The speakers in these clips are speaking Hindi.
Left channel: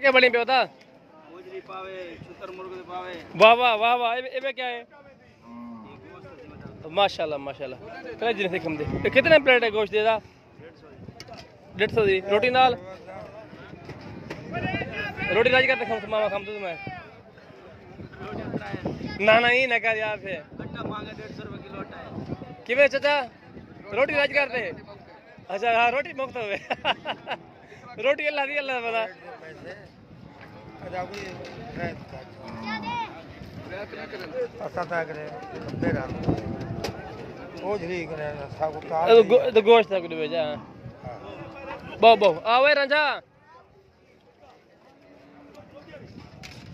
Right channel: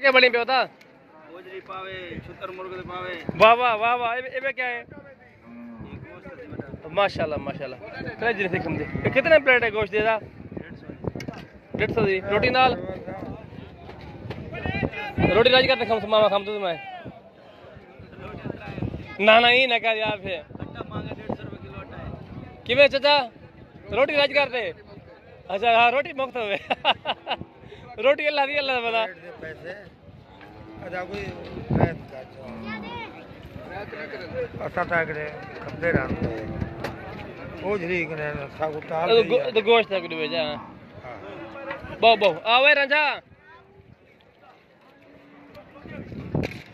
क्या बड़ी पे होता गोजरी पावे छुतर मुर्ग पावे। वाह वाह वाह वाह ये क्या है? ये गोश्त है बेटा। माशाल्लाह माशाल्लाह। जिन से कम दे कितने प्लेट है गोश्त देदा? 150 दी रोटी नाल रोटी राज करते खम मामा खम तो मैं ना ही ना कर यार फिर आटा मांगे 150 रुपए किलो आटा है। किवें चाचा रोटी राज करते? अच्छा हाँ रोटी मुफ्त हो रोटी अल्लाह दी अल्लाह पता पैसे तो गोश्त तक भेजा बहु बहु आवे रंजा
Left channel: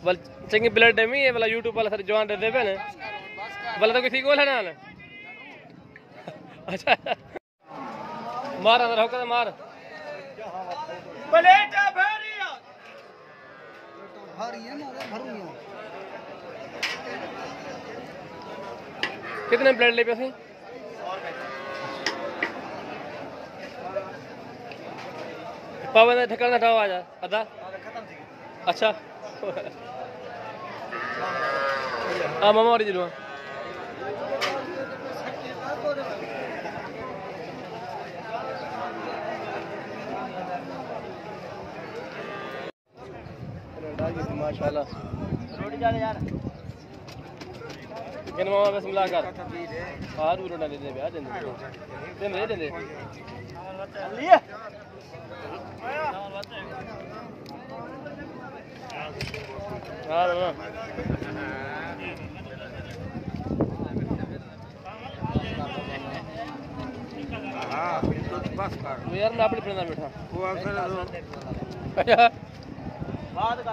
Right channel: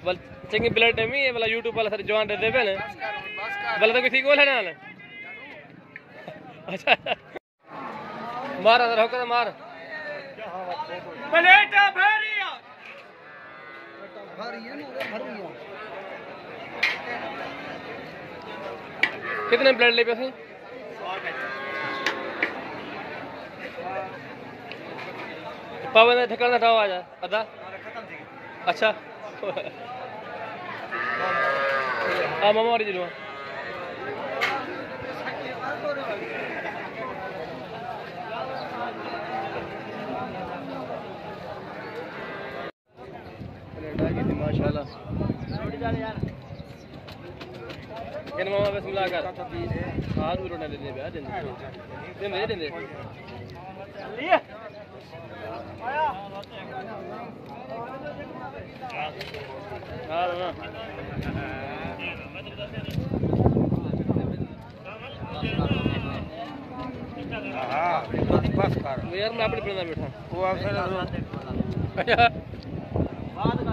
बल चंगी ब्लड है मी वाला यूट्यूब वाला सारे जवान दे पे ने वाला तो कोई ठीक बोला ना अच्छा मार अंदर होकर मार प्लेटा भरिया कितने प्लेट ले पे सी? पावन ठिकाना था आजा अदा खत्म थी। अच्छा हाँ मामा और जरूर माशाल्लाह किन मामा बस मिला कर हाथ भी रोना दे दे ब्याह देंगे ते मेरे देंगे लिए आया हां बस कर यार मैं अपनी प्लेट में बैठा वो अवसर अच्छा बाद का